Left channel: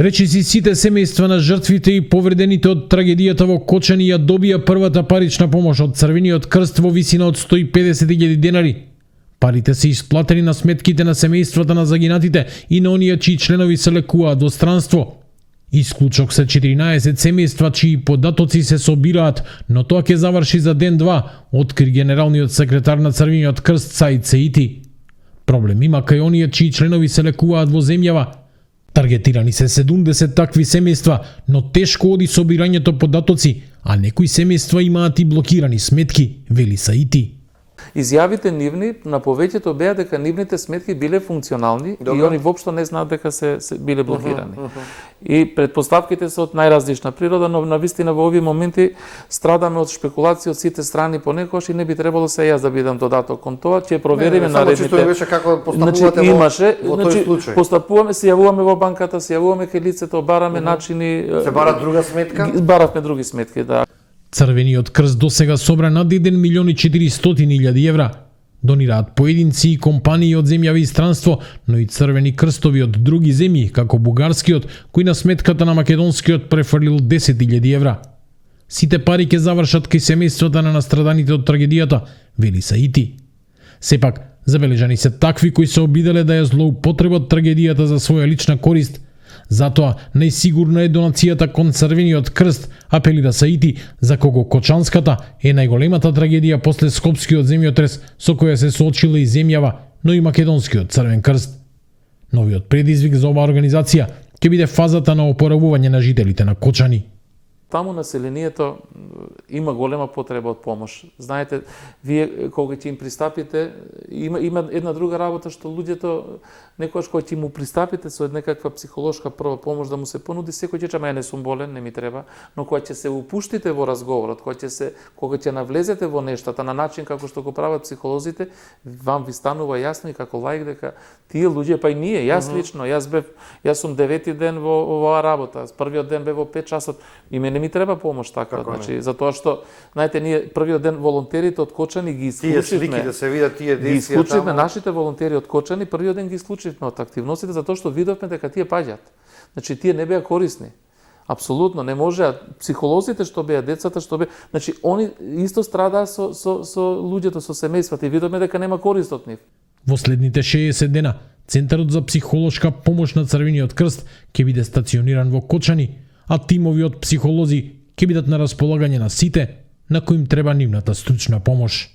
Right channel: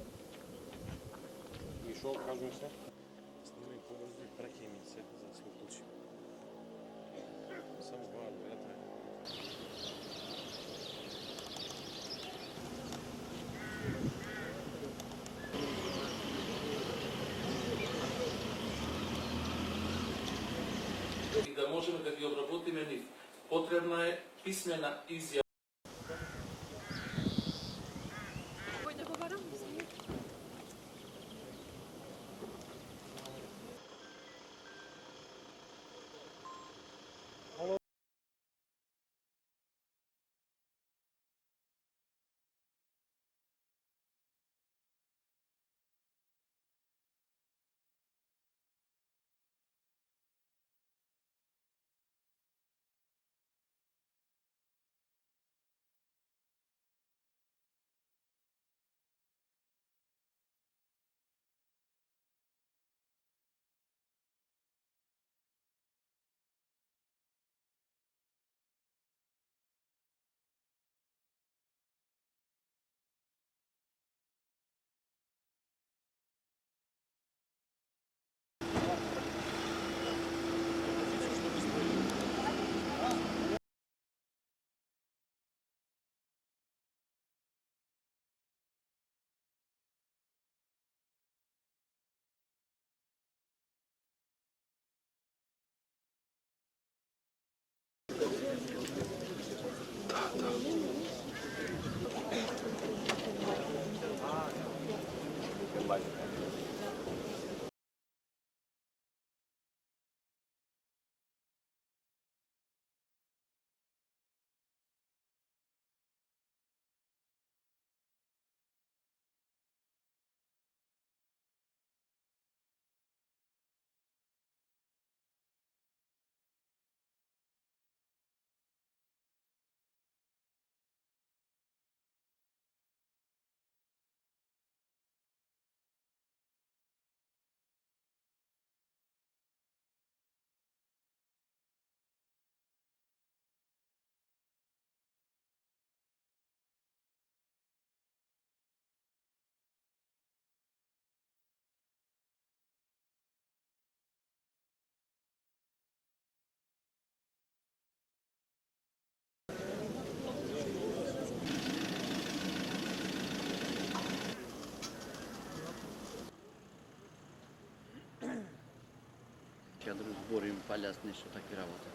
Речиси сите семејства на жртвите и повредените од трагедијата во Кочани ја добија првата парична помош од Црвениот крст во висина од 150.000 денари. Парите се исплатени на сметките на семејствата на загинатите и на оние чии членови се лекуваат во странство. Исклучок се 14 семејства чии податоци се собираат, но тоа ќе заврши за ден-два, откри генералниот секретар на Црвениот крст Саид Сеити. Проблем има кај оние чии членови се лекуваат во земјава. Таргетирани се 70 такви семејства, но тешко оди собирањето податоци, а некои семејства имаат и блокирани сметки, вели Саити. Изјавите нивни на повеќето беа дека нивните сметки биле функционални и они воопшто не знаат дека се биле блокирани. И предпоставките се од најразлична природа, но навистина во овие моменти страдаме од шпекулации од сите страни понекогаш и не би требало се јас да бидам додаток кон тоа, ќе провериме наредните. Само беше како постапувате во тој случај. Постапуваме, се јавуваме во банката, се јавуваме кај лицето, бараме начини. Се барат друга сметка? Баравме други сметки, да. Црвениот крст досега собра над 1.400.000 евра. Донираат поединци и компании од земјави и странство, но и црвени крстови од други земји, како бугарскиот, кој на сметката на македонскиот префрлил 10.000 евра. Сите пари ќе завршат кај семејствата на настраданите од трагедијата, вели Саити. Сепак, забележани се такви кои се обиделе да ја злоупотребат трагедијата за своја лична корист. Затоа најсигурна е донацијата кон Црвениот крст, апелира Саити, за кого Кочанската е најголемата трагедија после Скопскиот земјотрес со која се соочила и земјава, но и Македонскиот Црвен крст. Новиот предизвик за оваа организација ќе биде фазата на опоравување на жителите на Кочани. Таму населението има голема потреба од помош. Знаете, вие кога ќе им пристапите, има една друга работа што луѓето некогаш кога ќе му пристапите со некаква психолошка прва помош да му се понуди, секој ќе чама, ја не сум болен, не ми треба, но кога ќе се упуштите во разговорот, кога ќе навлезете во нештата на начин како што го прават психолозите, вам ви станува јасно и како лаик дека тие луѓе, па и ние, јас лично, јас сум 9-ти ден во оваа работа, првиот ден бев во 5 часот, и мене ми треба помош така, значи затоа што знаете ние првиот ден волонтерите од Кочани ги исклучивме. Тие слики да се видат тие действија. Ги исклучивме нашите волонтери од Кочани, првиот ден ги исклучивме од активностите затоа што видовме дека тие паѓаат. Значи тие не беа корисни. Апсолутно не можеа психолозите што беа, децата што беа, значи они исто страдаа со луѓето, со семејствата и видовме дека нема корист од нив. Во следните 60 дена Центарот за психолошка помош на Црвениот крст ќе биде стациониран во Кочани, а тимови од психолози ќе бидат на располагање на сите на кои им треба нивната стручна помош.